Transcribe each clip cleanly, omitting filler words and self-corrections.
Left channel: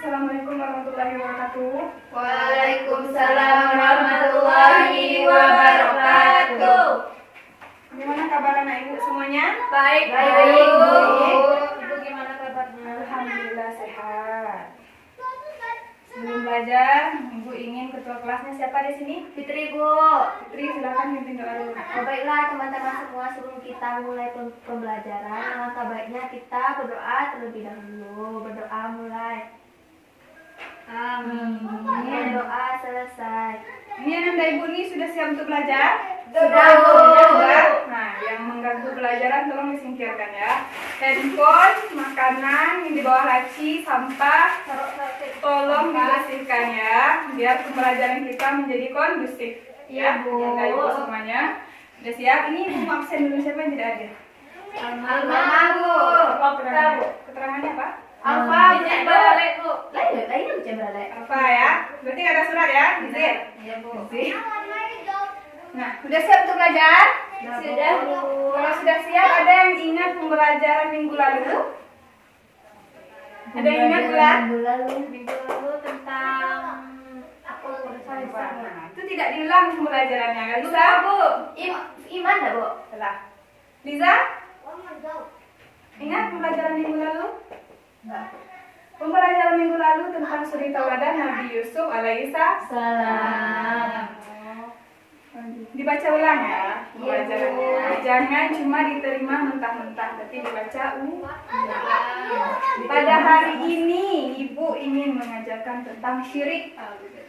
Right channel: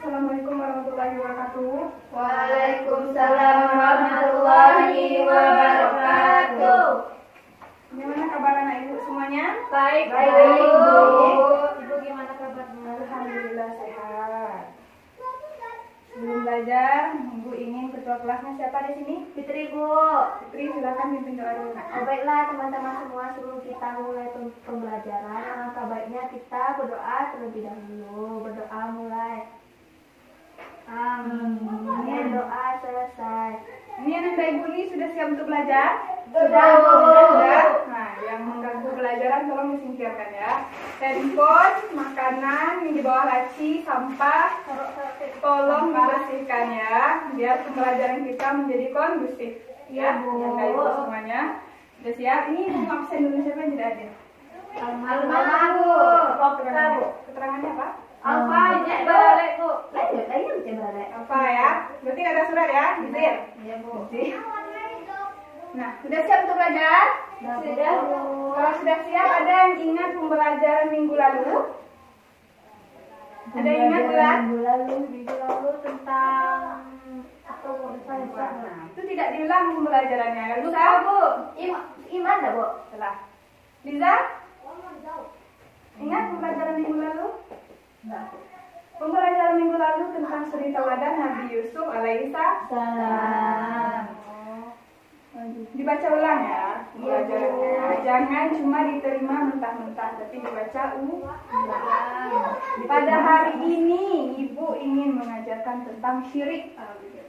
Assalamualaikum warahmatullahi wabarakatuh. Waalaikumsalam warahmatullahi wabarakatuh. Gimana kabar anak ibu semuanya? Baik, Baik, Bu. Bu. Ibu gimana kabarnya? Alhamdulillah sehat. Sebelum belajar, ibu ingin ketua kelasnya siapa di sini? Fitri, Bu. Fitri, silakan pimpin doa dulu. Oh, baiklah teman-teman semua, sebelum kita mulai pembelajaran, alangkah baiknya kita berdoa terlebih dahulu. Berdoa mulai. Amin. Doa selesai. Ini anak ibu ini sudah siap untuk belajar? Sudah, Bu. Sudah. Nah, yang mengganggu pelajaran tolong disingkirkan ya. Handphone, makanan yang di bawah laci, sampah, tolong dibersihkan ya, biar pembelajaran kita menjadi kondusif. Iya, Bu. Anak ibu semuanya sudah siap. Ini ibu absen dulu, siapa yang tidak hadir? Keterangannya apa? Alfa, cek balik, Bu. Lain cek balik. Apa ya? Berarti nggak ada surat ya? Izin. Iya, Bu. Izin. Nah, sudah siap untuk belajar? Sudah, Bu. Kalau sudah siap, ada yang ingat pembelajaran minggu lalu? Ada yang ingat bulan? Minggu lalu tentang Nah, itu tidak diulang pembelajarannya. Kan Liza, Bu? Iman dah, Bu. Salah. Liza? Ingat pembelajaran minggu lalu? Pembelajaran minggu lalu tentang suri tauladan Nabi Yusuf alaihissalam. Dibaca ulang ya pembelajarannya. Jangan cuma diterima mentah-mentah, tapi dibaca ulang. Pada hari ini ibu ingin mengajarkan tentang syirik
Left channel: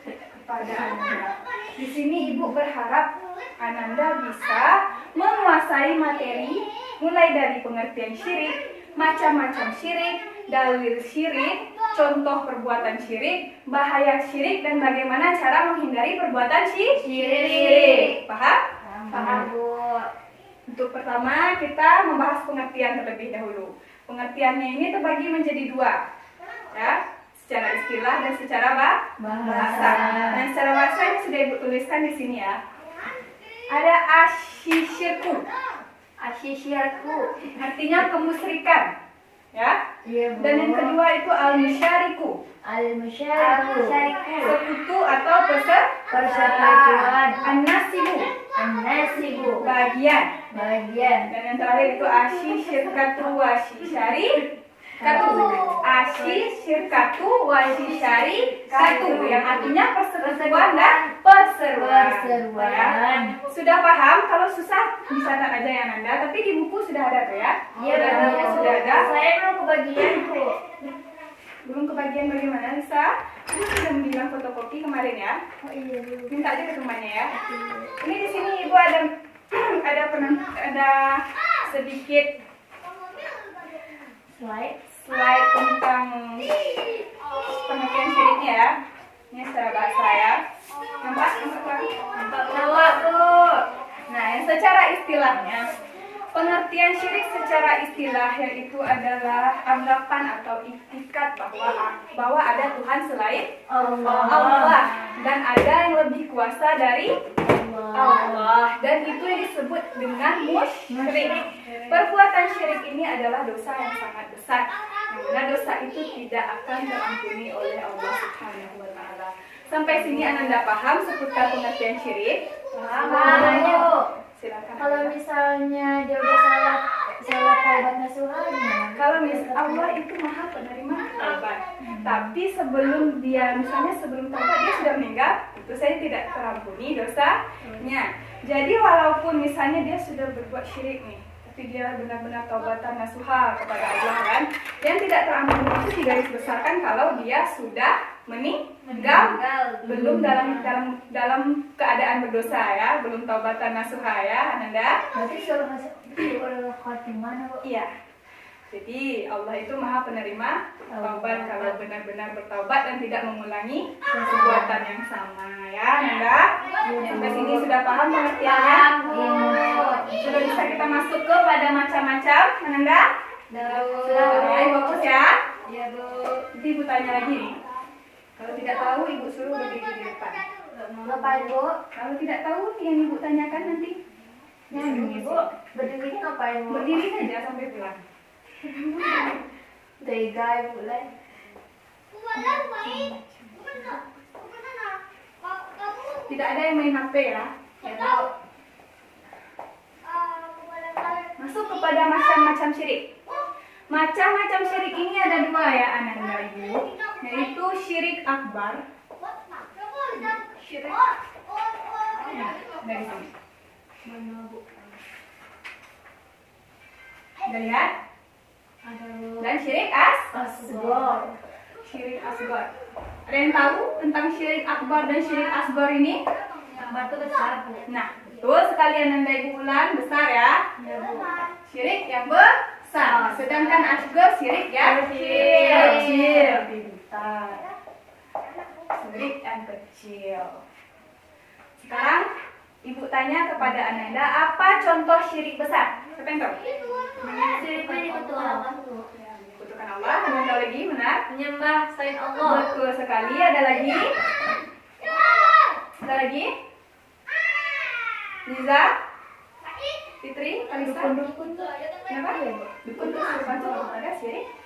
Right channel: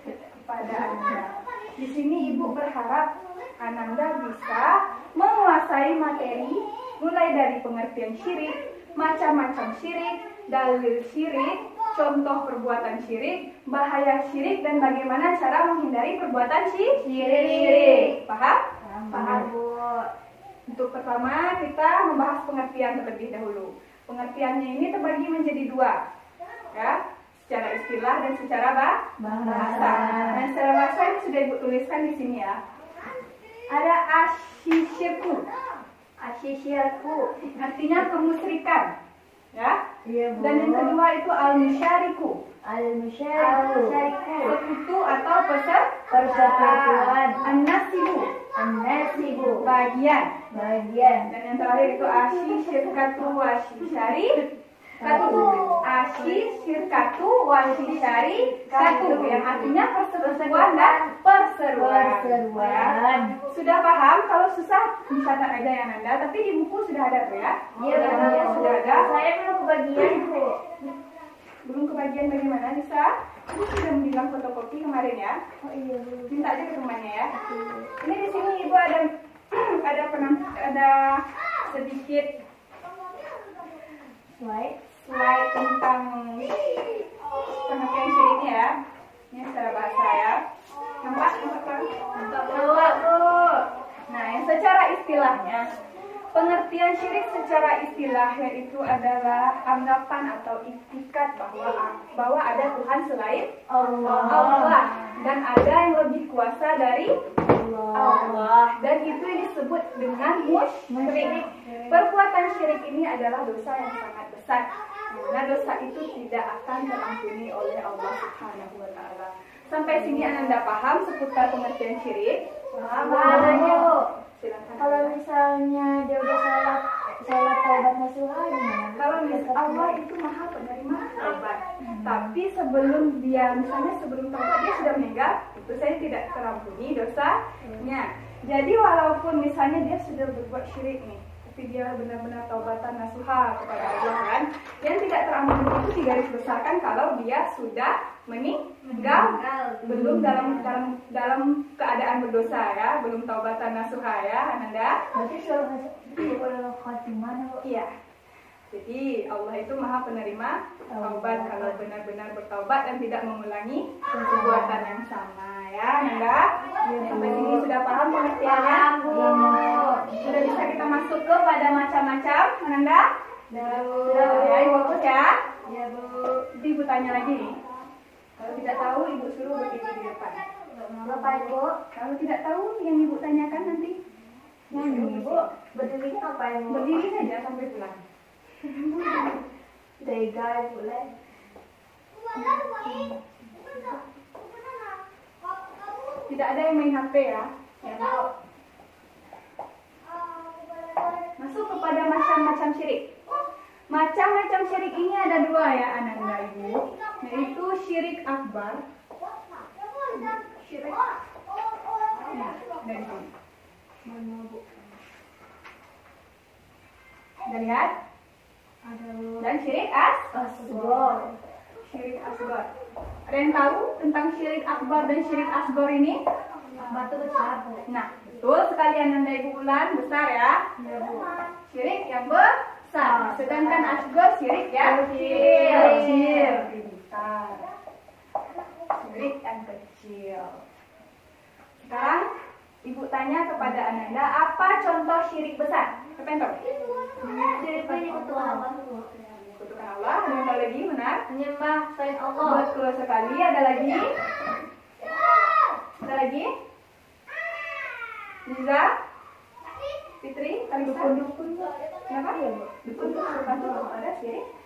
kepada Ananda. Di sini ibu berharap Ananda bisa menguasai materi mulai dari pengertian syirik, macam-macam syirik, dalil syirik, contoh perbuatan syirik, bahaya syirik, dan bagaimana cara menghindari perbuatan syirik. Paham? Paham, Bu. Untuk pertama kita membahas pengertian terlebih dahulu. Pengertiannya ini terbagi menjadi dua, ya, secara istilah dan secara bahasa. Nah, secara bahasa ini sudah ibu tuliskan di sini ya. Ada asyirku. Asyirku. Artinya kemusyrikan, ya. Iya, Bu. Dan yang kedua itu al-musyariku. Al-musyariku. Sekutu atau Persekutuan. an-nasibu. An-nasibu. Bagian. Dan yang terakhir itu asyirkatu wasyishari katu. Asyirkatu wasyishari katu, yang artinya perseteruan dan perseruan. Ya. Sudah paham? Kalau susah bisa tanya aja yang Anda, tapi di buku sudah ada tuh ya. Iya, benar. Sudah ada. Saya belum kebagian, Bu. Belum kebagian bagaimana, Lisa? Ibu sudah bilang fotokopi kemarin ya. Oh iya, Bu. Minta aja ke temannya ya. Ini di sini ibu ada sedikit slide tentang pengertian syiriknya ya. Ini secara bahasa ya. Nampak? Nampak, Bu. Nah, yang secara istilahnya, pengertian syirik secara istilah yaitu adalah anggapan atau itikad bahwa ada Tuhan selain Allah dan ada yang lebih kuasa dari Allah, dan itu yang disebut dengan musyrik. Perbuatan syirik ini adalah dosa yang sangat besar, karena dosa itu tidak akan terampuni oleh Allah Subhanahu wa taala. Sampai sini Anda paham seputar pengertian syirik? Makanya, Bu. Silakan. Kalau misalnya dia udah salah taubat nasuha gimana? Kalau Allah itu maha penerima taubat, tapi sebelum taubat dia sudah meninggal, itu saya tidak terampuni dosanya. Jadi walaupun misalnya dia sudah berbuat syirik nih, tapi dia benar-benar taubatan nasuha kepada Allah kan, yang tidak terampuni itu digaris besarkan kalau dia sudah meninggal, belum dalam keadaan berdosa ya, belum taubatan nasuha ya, Ananda. Berarti suruh khatimah, Bu. Iya. Jadi Allah itu maha penerima taubat kalau benar-benar bertaubat dan tidak mengulangi perbuatan yang sama ya, Nanda. Sampai sini sudah paham pengertiannya? Sudah bisa kita masuk ke pada macam-macam, Nanda? Sudah ya, Ibu fokus ya? Iya, Bu. Nanti Ibu tanya lagi nih. Kalau tidak tahu Ibu suruh berdiri di depan. Ngapain, Bu? Kalau tidak tahu yang Ibu tanyakan nanti. Ibu berdiri ngapain, Bu? Berdiri saja sampai pulang. Tega, Ibu. Tidak ada yang main HP ya. Masuk kepada macam-macam syirik. Macam-macam syirik ini ada dua ya Ananda Ibu, yaitu syirik akbar. Syirik. Dari sini. Mana Bu? Udah lihat? Ada Bu. Dan syirik Asghar. Syirik asgar. Ada yang tahu tentang syirik akbar dan syirik asgar ini? Batu besar Bu. Nah, betul sekali Ananda Ibu ulang, besar ya. Ada Bu. Syirik yang besar. Sedangkan asgar syirik yang kecil. Pintar. Syirik yang kecil. Sekarang Ibu tanya kepada Ananda, apa contoh syirik besar? Siapa yang tahu? Syirik menyekutukan Allah Bu. Kutukan Allah. Ada yang tahu lagi? Benar? Menyembah selain Allah. Betul sekali. Ada lagi? Ada lagi? Liza? Fitri? Dukun-dukun? Kenapa? Dukun-dukun ada syirik?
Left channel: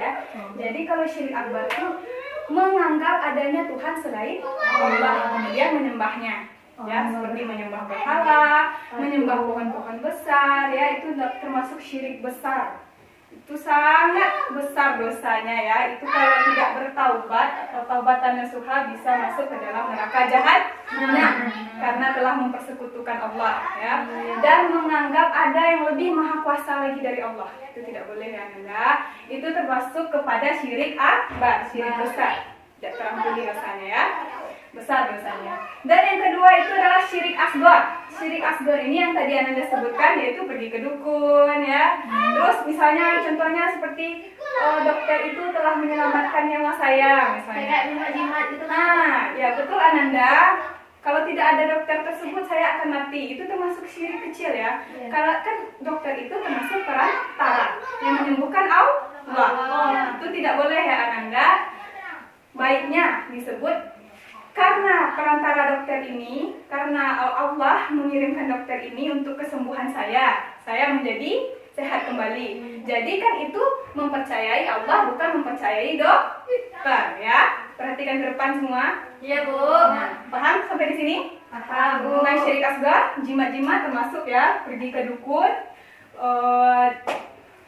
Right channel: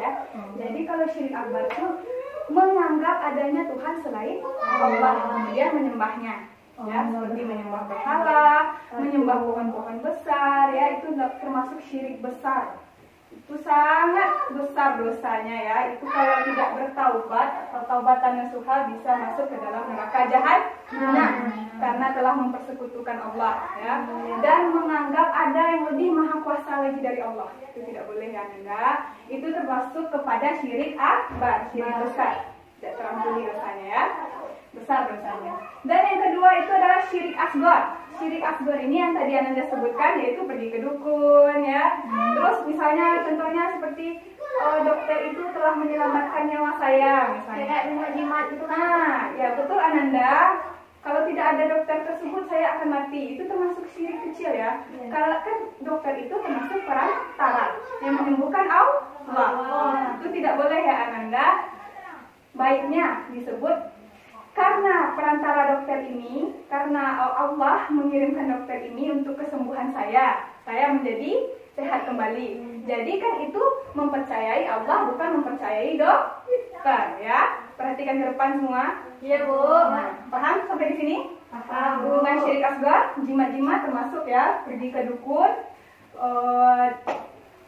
Ya. Jadi kalau syirik akbar itu menganggap adanya Tuhan selain Allah, kemudian menyembahnya. Ya, seperti menyembah berhala, menyembah pohon-pohon besar, ya itu termasuk syirik besar. Itu sangat besar dosanya ya. Itu kalau tidak bertaubat atau taubatan nasuha bisa masuk ke dalam neraka jahanam karena telah mempersekutukan Allah ya. Dan menganggap ada yang lebih maha kuasa lagi dari Allah. Itu tidak boleh ya Nanda. Itu termasuk kepada syirik akbar, syirik besar. Tidak terampuni dosanya ya. Besar dosanya. Dan yang kedua itu adalah syirik asgar. Syirik asgar ini yang tadi Ananda sebutkan, yaitu pergi ke dukun ya. Terus misalnya contohnya seperti dokter itu telah menyelamatkan nyawa saya misalnya. Kayak jimat-jimat itu kan. Nah, ya betul Ananda. Kalau tidak ada dokter tersebut saya akan mati. Itu termasuk syirik kecil ya. Kalau kan dokter itu termasuk perantara yang menyembuhkan Allah. Itu tidak boleh ya Ananda. Baiknya disebut karena perantara dokter ini, karena Allah mengirimkan dokter ini untuk kesembuhan saya menjadi sehat kembali. Jadi kan itu mempercayai Allah, bukan mempercayai dokter ya. Perhatikan ke depan semua. Iya Bu. Nah, paham sampai di sini? Paham Bu. Mengenai syirik asgar, jimat-jimat termasuk ya, pergi ke dukun.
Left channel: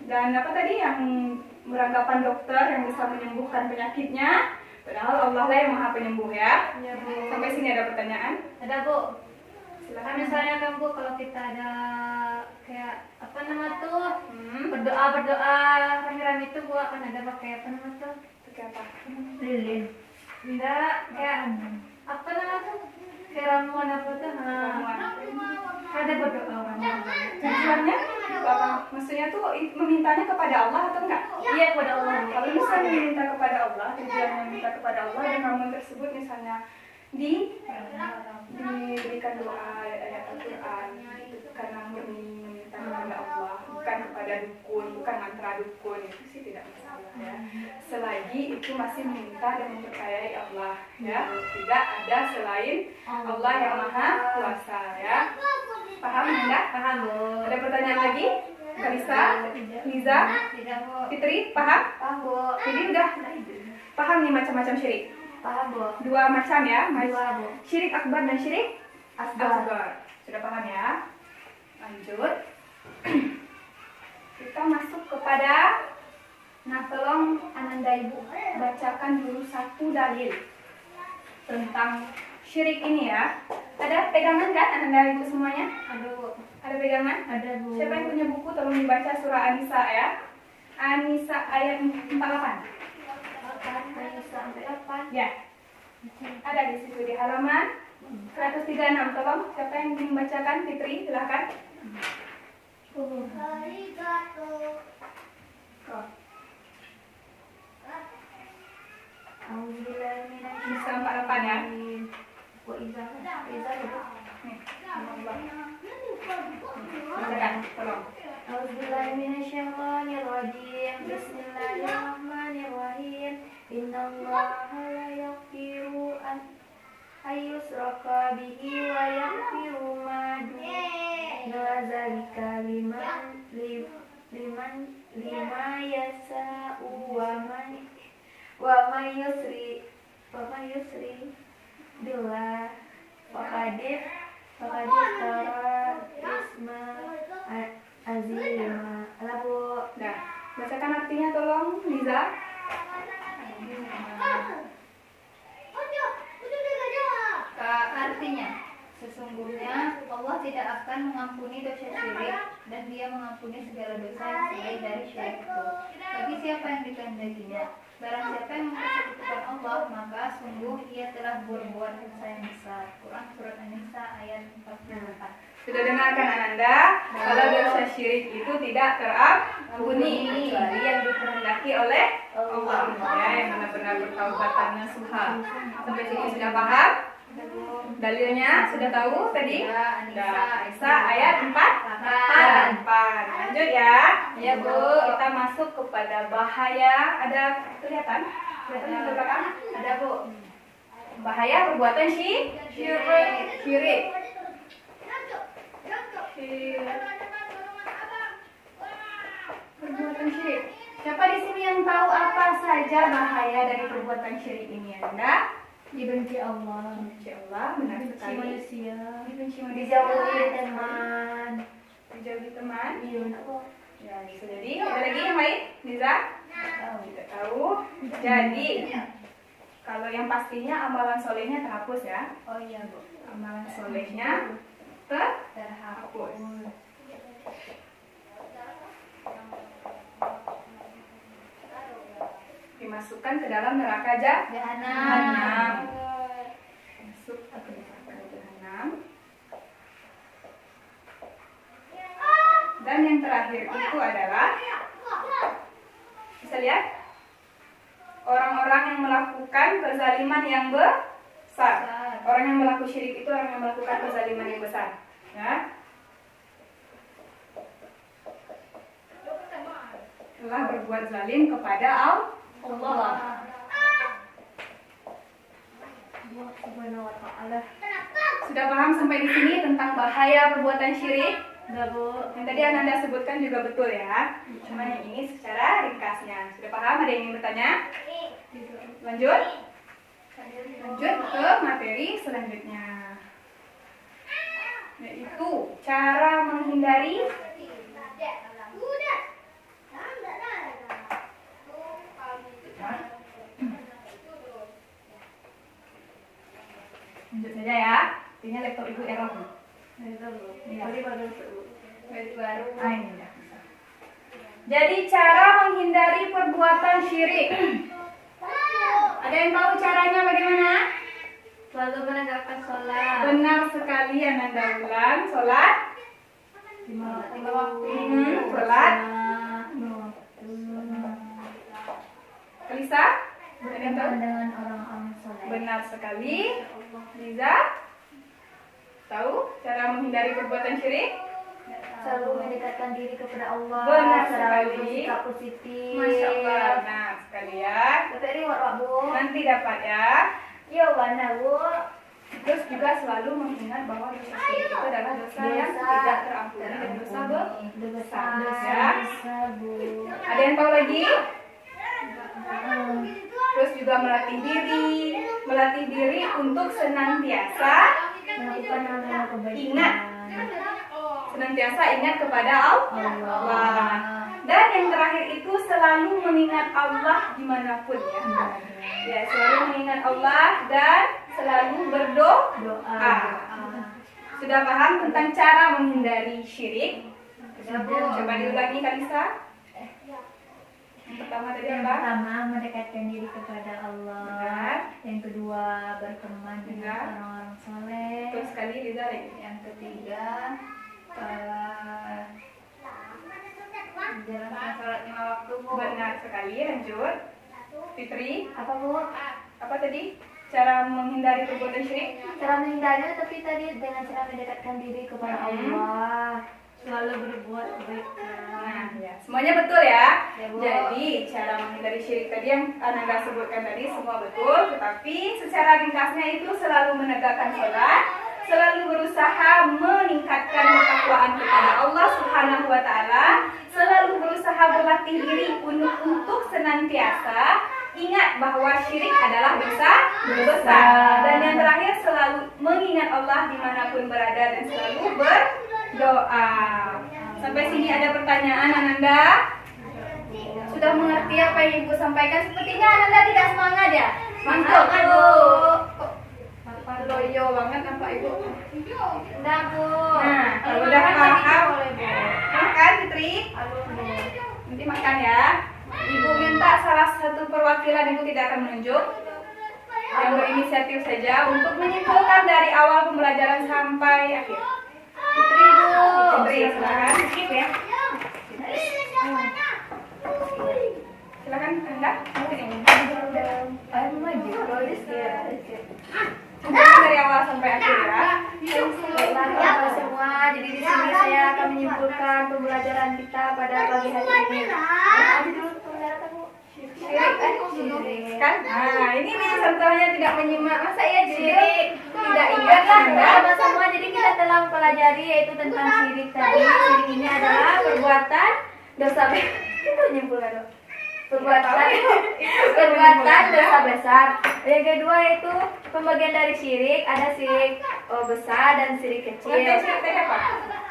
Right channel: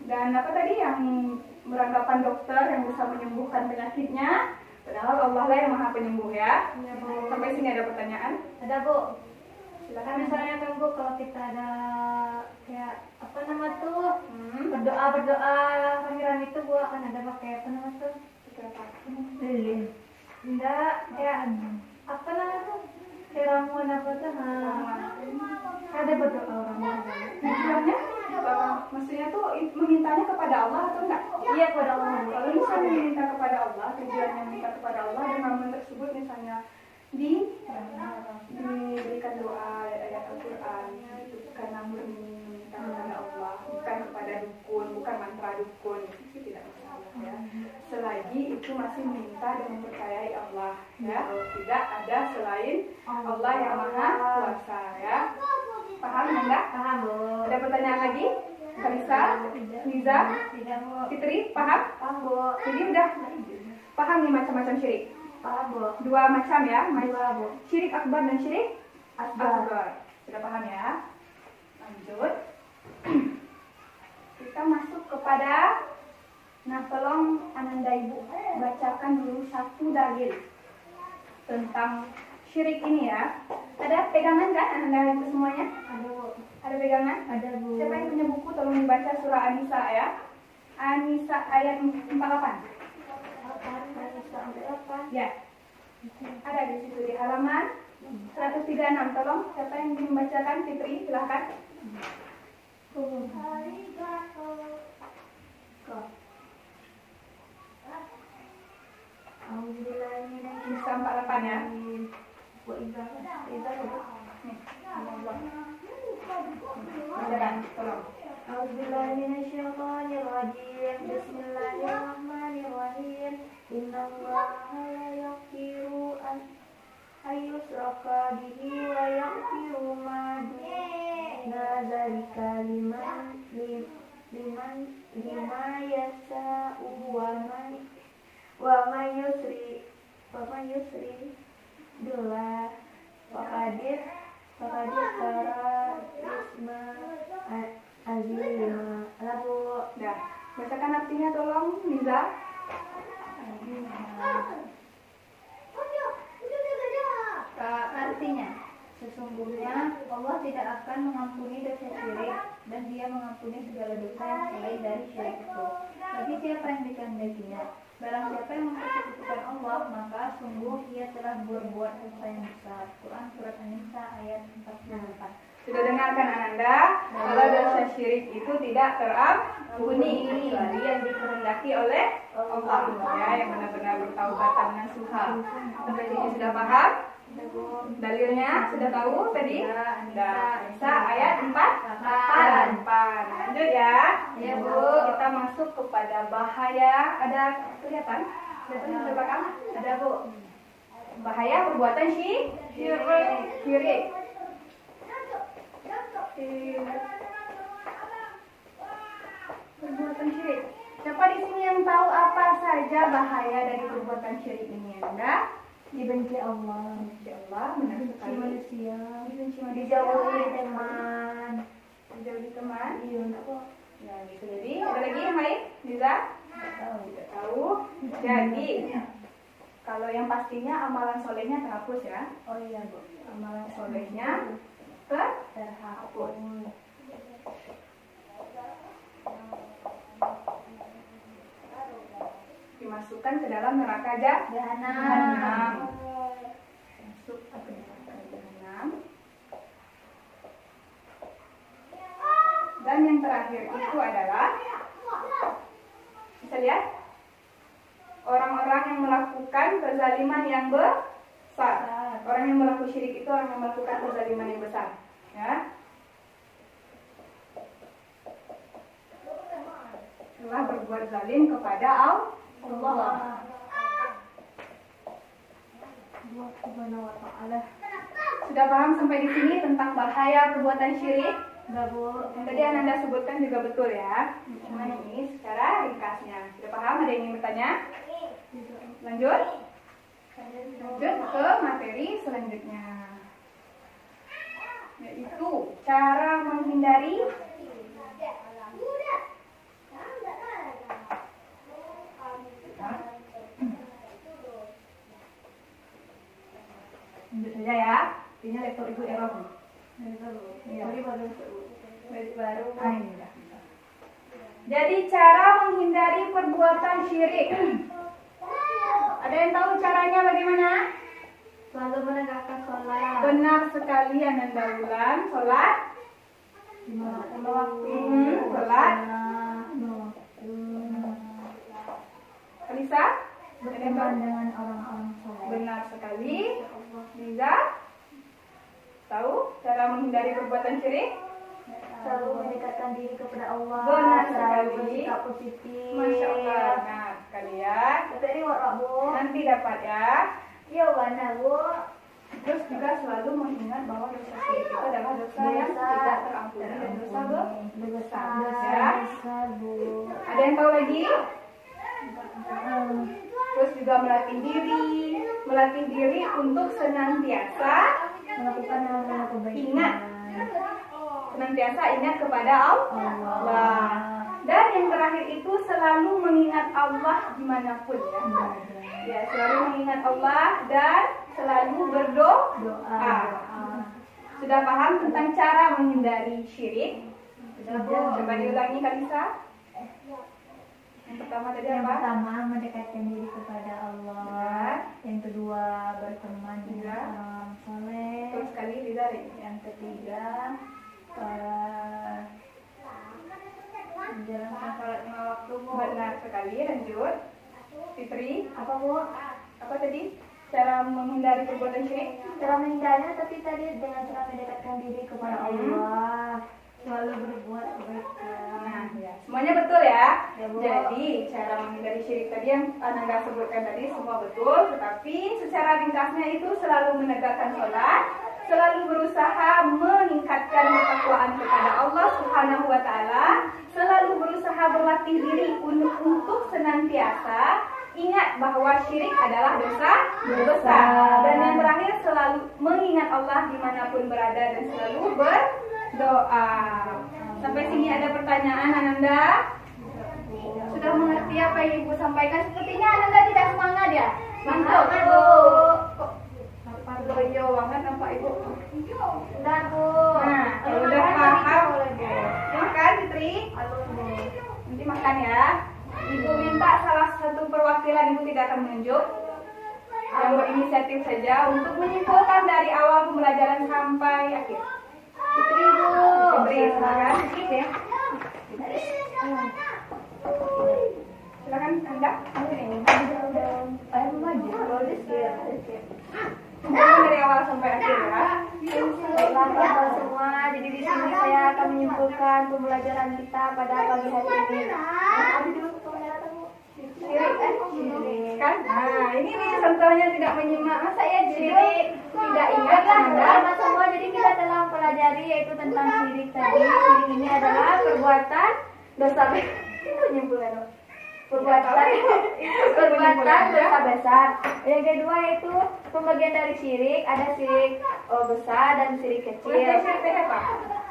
Dan apa tadi yang beranggapan dokter yang bisa menyembuhkan penyakitnya. Padahal Allah lah yang maha penyembuh ya. Iya Bu. Sampai sini ada pertanyaan? Ada Bu. Silakan. Kan misalnya kan Bu, kalau kita ada kayak apa nama tuh berdoa akhiran itu Bu akan ada pakai apa nama tuh? Pakai apa? Lilin. Enggak, kayak apa nama tuh? Kayak ramuan apa tuh? Ada berdoa orang. Tujuannya? Maksudnya tuh memintanya kepada Allah atau enggak? Iya kepada Allah. Kalau misalnya meminta kepada Allah, tujuannya minta kepada Allah dan ramuan tersebut misalnya diberikan doa ayat Al-Quran itu karena murni meminta kepada Allah, bukan kepada dukun, bukan mantra dukun, itu sih tidak masalah ya. Selagi itu masih meminta dan mempercayai Allah ya, tidak ada selain Allah yang maha kuasa ya. Paham enggak? Paham Bu. Ada pertanyaan lagi? Kalisa, Liza, Tidak Bu. Fitri, paham? Paham Bu. Jadi udah paham nih macam-macam syirik. Paham Bu. Dua macam ya, Dua Bu. syirik akbar dan syirik Asgar. asgar. Sudah paham ya? Lanjut. Kita masuk kepada, nah tolong Ananda Ibu bacakan dulu satu dalil tentang syirik ini ya. Ada pegangan kan Ananda Ibu semuanya? Ada Bu. Ada pegangan? Ada Bu. Siapa yang punya buku tolong dibaca surah An-Nisa ya. An-Nisa ayat 48. Ayo sampai apa? Ya. Ada di situ di halaman 136. Tolong siapa yang ingin membacakan? Fitri, silakan. Nisa 48 ya. Nih, Allah. Bacakan, tolong. Bismillahirrahmanirrahim. Innallaha la yaghfiru an yushraka bihi wa yaghfiru ma duna dzalika liman yasha'u wa man Papa Yusri Dula Fakadif Tara Isma Azima Labu. Nah, bacakan artinya tolong, Liza. Artinya, sesungguhnya Allah tidak akan mengampuni dosa syirik dan Dia mengampuni segala dosa yang selain dari syirik itu. Bagi siapa yang dikehendakinya, barang siapa yang mempersekutukan Allah, maka sungguh ia telah berbuat dosa yang besar. Quran Surat An-Nisa ayat 44. Sudah dengarkan Ananda, kalau dosa syirik itu tidak terampuni kecuali yang dikehendaki oleh Allah, ya, yang benar-benar bertaubat nasuha. Sampai sini sudah paham? Dalilnya sudah tahu tadi? An-Nisa ayat 4. Lanjut ya. Ya Bu, kita masuk kepada bahaya. Ada kelihatan? Kelihatan di belakang? Ada Bu. Bahaya perbuatan syirik. Perbuatan syirik. Siapa di sini yang tahu apa saja bahaya dari perbuatan syirik ini, Anda? Dibenci Allah, Insya Allah, benar dibenci sekali. manusia, Dibenci manusia. dijauhi teman. Dijauhi teman. Iya, apa? Ya, bisa jadi. Ada lagi yang lain? Liza? Tidak tahu. Jadi, kalau yang pastinya amalan solehnya terhapus ya. Oh iya, Bu. Amalan solehnya terhapus. Dimasukkan ke dalam neraka jahanam. Masuk ke neraka jahanam. Dan yang terakhir itu adalah, bisa lihat, orang-orang yang melakukan kezaliman yang besar. Orang yang melakukan syirik itu orang yang melakukan kezaliman yang besar. Ya. Telah berbuat zalim kepada Allah. Allah Subhanahu wa ta'ala. Sudah paham sampai di sini tentang bahaya perbuatan syirik? Enggak, Bu. Yang tadi Ananda sebutkan juga betul ya. Cuma yang ini secara ringkasnya. Sudah paham? Ada yang ingin bertanya? Lanjut? Lanjut ke materi selanjutnya. Yaitu cara menghindari lanjut saja ya. Artinya laptop ibu error. Baru. Ini udah bisa. Jadi cara menghindari perbuatan syirik. Ada yang tahu caranya bagaimana? Selalu menegakkan sholat. Benar sekali Ananda ulang. Sholat Lima waktu. Sholat. Alisa? Berteman dengan orang-orang soleh. Benar sekali. Liza? Tahu cara menghindari perbuatan syirik? Selalu mendekatkan diri kepada Allah. Benar Selalu sekali. bersikap positif. Masya Allah. Benar sekali ya. Dapat reward, Pak, Bu. Nanti dapat ya. Ya, mana, Bu? Terus juga selalu mengingat bahwa dosa syirik itu adalah dosa yang tidak terampuni dan dosa besar. Ya. Besar, Bu. Ada yang tahu lagi? Terus juga melatih diri untuk senantiasa Melakukan hal-hal kebaikan. ingat, senantiasa ingat kepada Allah. Dan yang terakhir itu selalu mengingat Allah dimanapun ya. Ya, selalu mengingat Allah dan selalu berdoa. Sudah paham tentang cara menghindari syirik? Sudah, Bu. Coba diulangi Kalisa. Yang pertama tadi Yang apa? pertama, mendekatkan diri kepada Allah. Benar. Yang kedua, berteman dengan Benar. orang-orang soleh. Betul sekali Liza. Yang ketiga, menjalankan sholat 5 waktu, Bu. Benar sekali. Lanjut. Fitri, Apa, Bu? apa tadi? Cara menghindari perbuatan syirik? Cara menghindari, tapi tadi dengan cara mendekatkan diri kepada Allah. Selalu berbuat kebaikan. Nah, ya. Semuanya betul ya. Ya, Bu. Jadi, cara menghindari syirik tadi yang Ananda sebutkan tadi semua betul, tetapi secara ringkasnya itu selalu menegakkan sholat, selalu berusaha meningkatkan ketakwaan kepada Allah Subhanahu wa taala, selalu berusaha berlatih diri untuk senantiasa ingat bahwa syirik adalah dosa besar. Dan yang terakhir, selalu mengingat Allah dimanapun berada dan selalu berdoa. Sampai sini ada pertanyaan, Ananda? Sudah mengerti apa yang Ibu sampaikan? Sepertinya Ananda tidak semangat ya? Mantap, Bu. Loyo banget nampak Ibu. Udah, Bu. Nah, kalau udah paham, makan Fitri. Nanti makan ya. Ibu minta salah satu perwakilan, Ibu tidak akan menunjuk, yang berinisiatif saja untuk menyimpulkan dari awal pembelajaran sampai akhir. Fitri, Bu. Fitri, silakan. Skip ya. Silakan Anda. Simpulkan dari awal sampai akhir ya. Baiklah semua, jadi di sini saya akan menyimpulkan pembelajaran kita pada pagi hari ini. Apa dulu pembelajaran kamu? Syirik kan? Nah, ini nih contohnya tidak menyimak. Masa ya syirik tidak ingat Anda? Sama-sama, jadi kita telah mempelajari yaitu tentang syirik tadi. Syirik ini adalah perbuatan dosa besar. Itu menyimpulkan dong. Perbuatan dosa besar. Yang kedua yaitu pembagian dari syirik, ada syirik besar dan syirik kecil. Pengertian syirik tadi apa?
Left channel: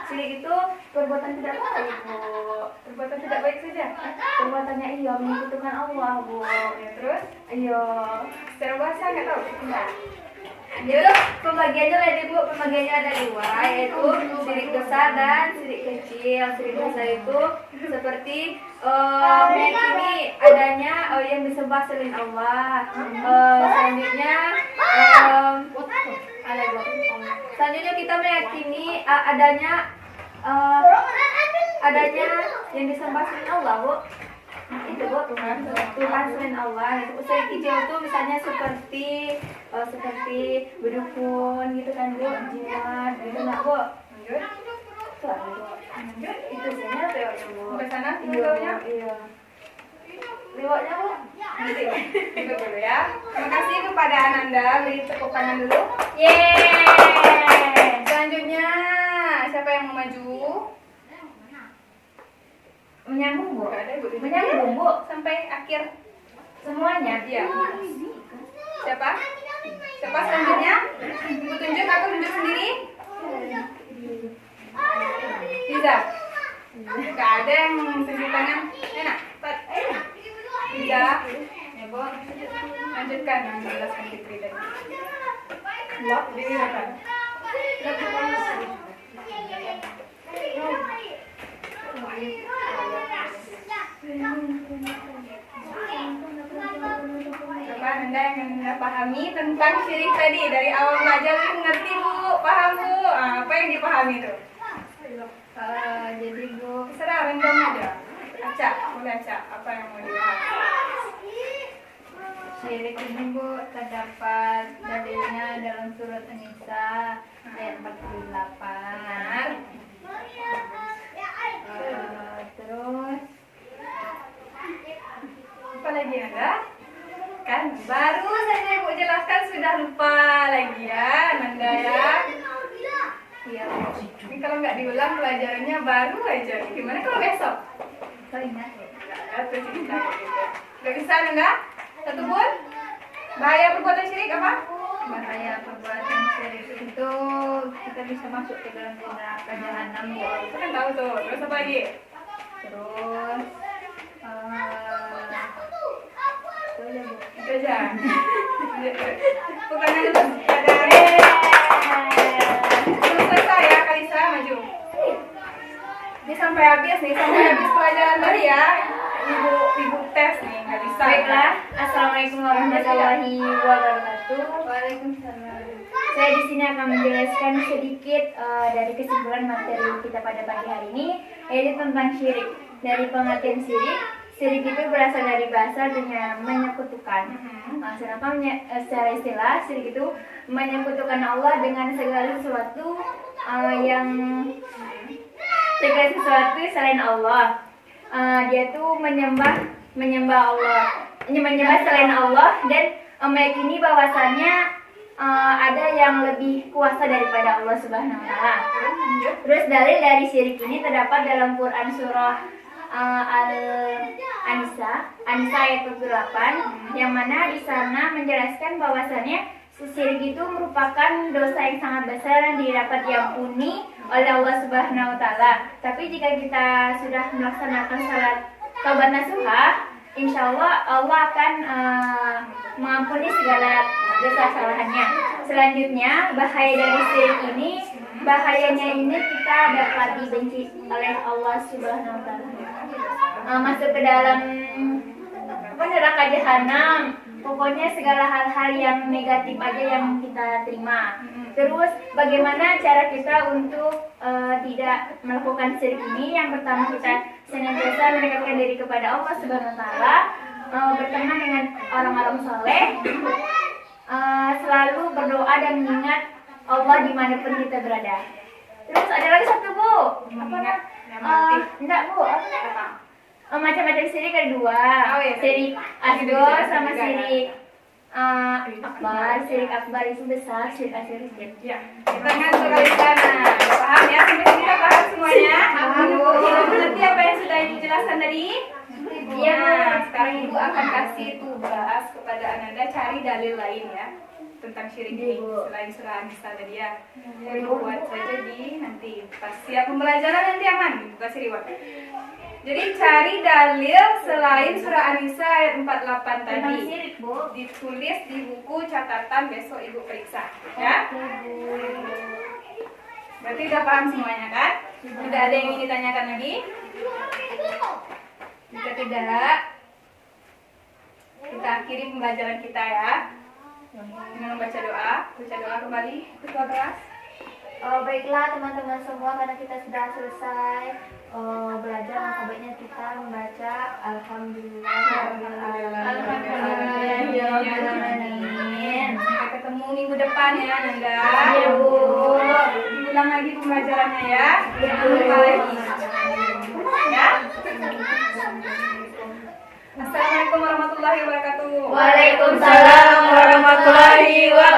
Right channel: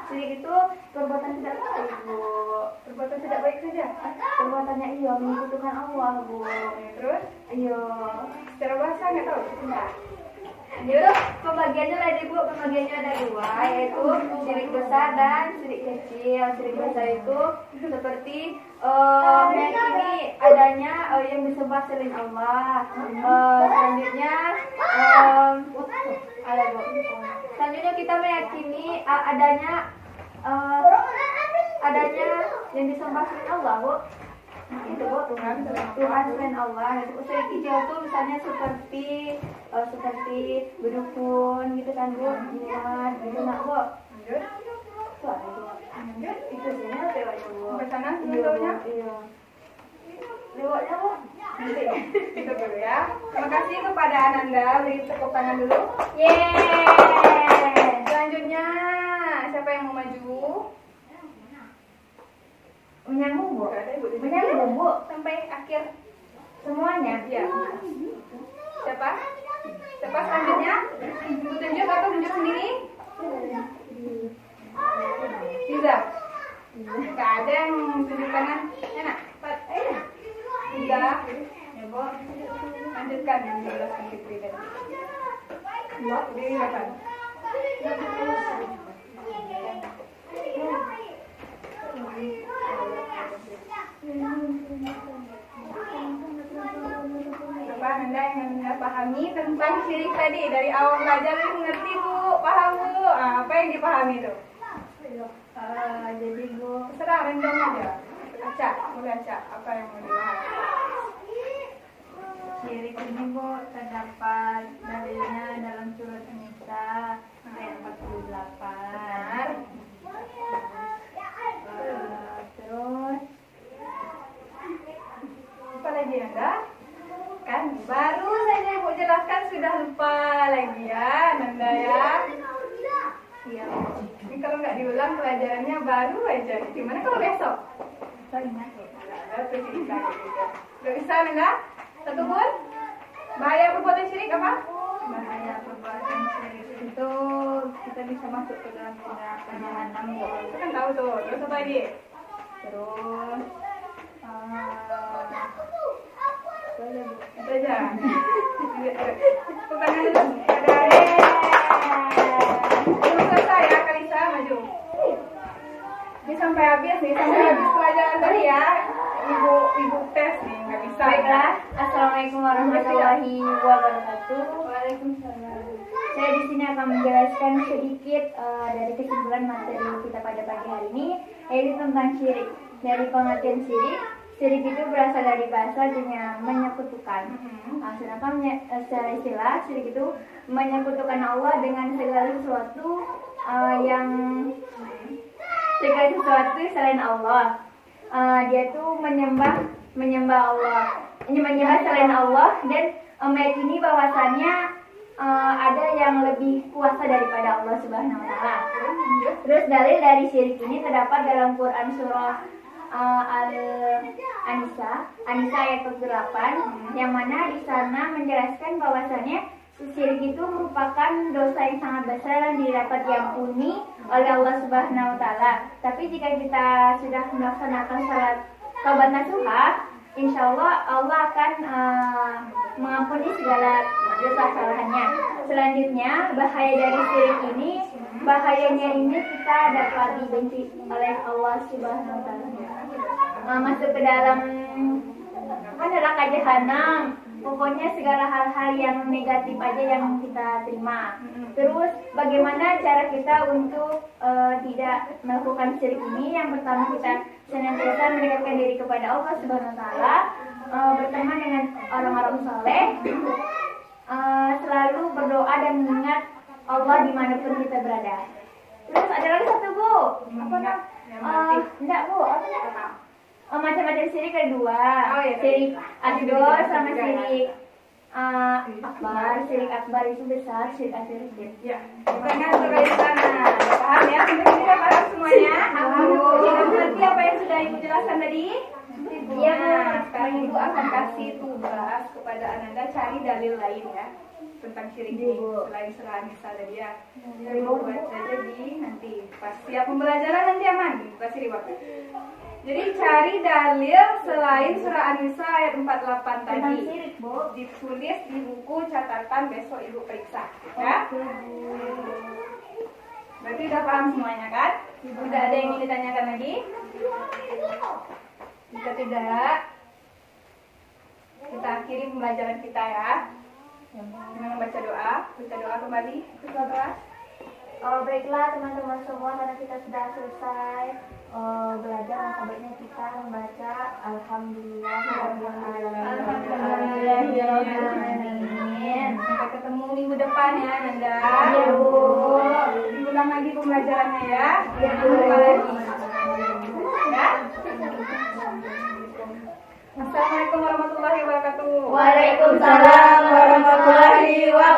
Syirik itu perbuatan tidak baik, Bu. Perbuatan tidak baik saja. Perbuatannya iya menyekutukan Allah, Bu. Ya, terus Iya. secara bahasa nggak tahu. Enggak. Itu pembagiannya ada, Bu. Pembagiannya ada dua, yaitu syirik besar dan syirik kecil. Syirik besar itu seperti meyakini adanya yang disembah selain Allah. Selanjutnya ada, Bu. Selanjutnya kita meyakini adanya yang disembah selain Allah, Bu. Itu, Bu, Tuhan selain Allah. Itu syirik kecil itu misalnya seperti berdukun gitu kan, Bu, jimat gitu nah, Bu. Lanjut. Itu ada, Bu. Itu sebenarnya teorinya, Bu. Sampai sana Iya, videonya. iya. Lewatnya, Bu. Nanti itu dulu ya. Terima kasih kepada Ananda. Beri tepuk tangan dulu. Yeay. Selanjutnya siapa yang mau maju? Menyambung, Bu. Nggak ada, Bu. Menyambung, Bu. Sampai akhir. Semuanya. Iya. Siapa? Siapa selanjutnya? Ibu tunjuk, aku tunjuk sendiri. Bisa. Nggak ada yang tunjuk tangan. Enak. Bisa. Ya, Bu. Lanjutkan menjelaskan Fitri tadi. Blok dilihatkan. Apa Anda yang Anda pahami tentang syirik tadi dari awal belajar ngerti, Bu? Paham, Bu? Apa yang dipahami itu? Jadi, Bu, Terserah, random aja. Acak, boleh acak. Apa yang mau dibahas? syirik ini, Bu, terdapat dalilnya dalam surat An-Nisa ayat 48. Benar. Terus Apa lagi Anda? Kan baru saja Ibu jelaskan sudah lupa lagi ya, Nanda ya. iya, Ini kalau nggak diulang pelajarannya baru aja. Gimana kalau besok? saya ingat, Bu. Nggak ada tuh cerita kayak gitu. Nggak bisa Nanda? Satu pun? Bahaya perbuatan syirik apa? Bahaya perbuatan syirik itu kita bisa masuk ke dalam neraka jahanam, Bu. Kita kan tahu tuh. Terus apa lagi? Terus itu aja, Bu. Itu aja. Bukan dulu. Ada. Belum selesai ya, Kalisa maju. Ini sampai habis nih, sampai habis pelajaran tadi ya. Ibu tes nih, nggak bisa. Baiklah, Assalamualaikum warahmatullahi wabarakatuh. Waalaikumsalam. Saya di sini akan menjelaskan sedikit dari kesimpulan materi kita pada pagi hari ini, yaitu tentang syirik. Dari pengertian syirik, syirik itu berasal dari bahasa artinya menyekutukan. Sedangkan secara istilah, syirik itu menyekutukan Allah dengan segala sesuatu selain Allah. Dia tuh menyembah Allah, menyembah selain Allah dan meyakini bahwasannya ada yang lebih kuasa daripada Allah Subhanahu wa taala. Terus dalil dari syirik ini terdapat dalam Quran surah Al-Anisa ayat 48, yang mana di sana menjelaskan bahwasannya syirik itu merupakan dosa yang sangat besar dan didapat diampuni oleh Allah Subhanahu wa taala. Tapi jika kita sudah melaksanakan salat taubat nasuha, insya Allah akan mengampuni segala dosa kesalahannya. Selanjutnya, bahaya dari syirik ini, bahayanya ini kita dapat dibenci oleh Allah Subhanahu wa taala. Masuk ke dalam neraka jahanam. Pokoknya segala hal-hal yang negatif aja yang kita terima. Terus bagaimana cara kita untuk tidak melakukan syirik ini? Yang pertama, kita senantiasa mendekatkan diri kepada Allah Subhanahu wa taala, berteman dengan orang-orang saleh, selalu berdoa dan mengingat Allah dimanapun kita berada. Terus ada lagi satu, Bu. Enggak, Bu. Macam-macam syirik ada dua. Syirik asghar sama syirik akbar. Syirik akbar itu besar, syirik asghar kecil. Ya, kita ngatur dari sana. Paham ya? Sampai sini udah paham semuanya? Ibu mengerti apa yang sudah Ibu jelaskan tadi? Iya, Nah, sekarang Ibu akan kasih tugas kepada Ananda cari dalil lain ya tentang syirik ini selain surah An-Nisa tadi ya. Ibu buat saja di nanti pas siap pembelajaran nanti aman. Ibu kasih reward. Jadi cari dalil selain surah An-Nisa ayat 48 tadi. syirik, Bu. Ditulis di buku catatan, besok Ibu periksa ya. Berarti udah paham semuanya kan? Tidak ada yang ingin ditanyakan lagi? Jika tidak, kita akhiri pembelajaran kita ya dengan membaca doa. Baca doa kembali, ketua kelas. Baiklah teman-teman semua, karena kita sudah selesai belajar, maka baiknya kita membaca Alhamdulillah. Sampai ketemu minggu depan ya Nanda. Iya, Bu. Ulang lagi pembelajarannya ya. Jumpa lagi. Ya. Assalamualaikum warahmatullahi wabarakatuh. Waalaikumsalam warahmatullahi wabarakatuh.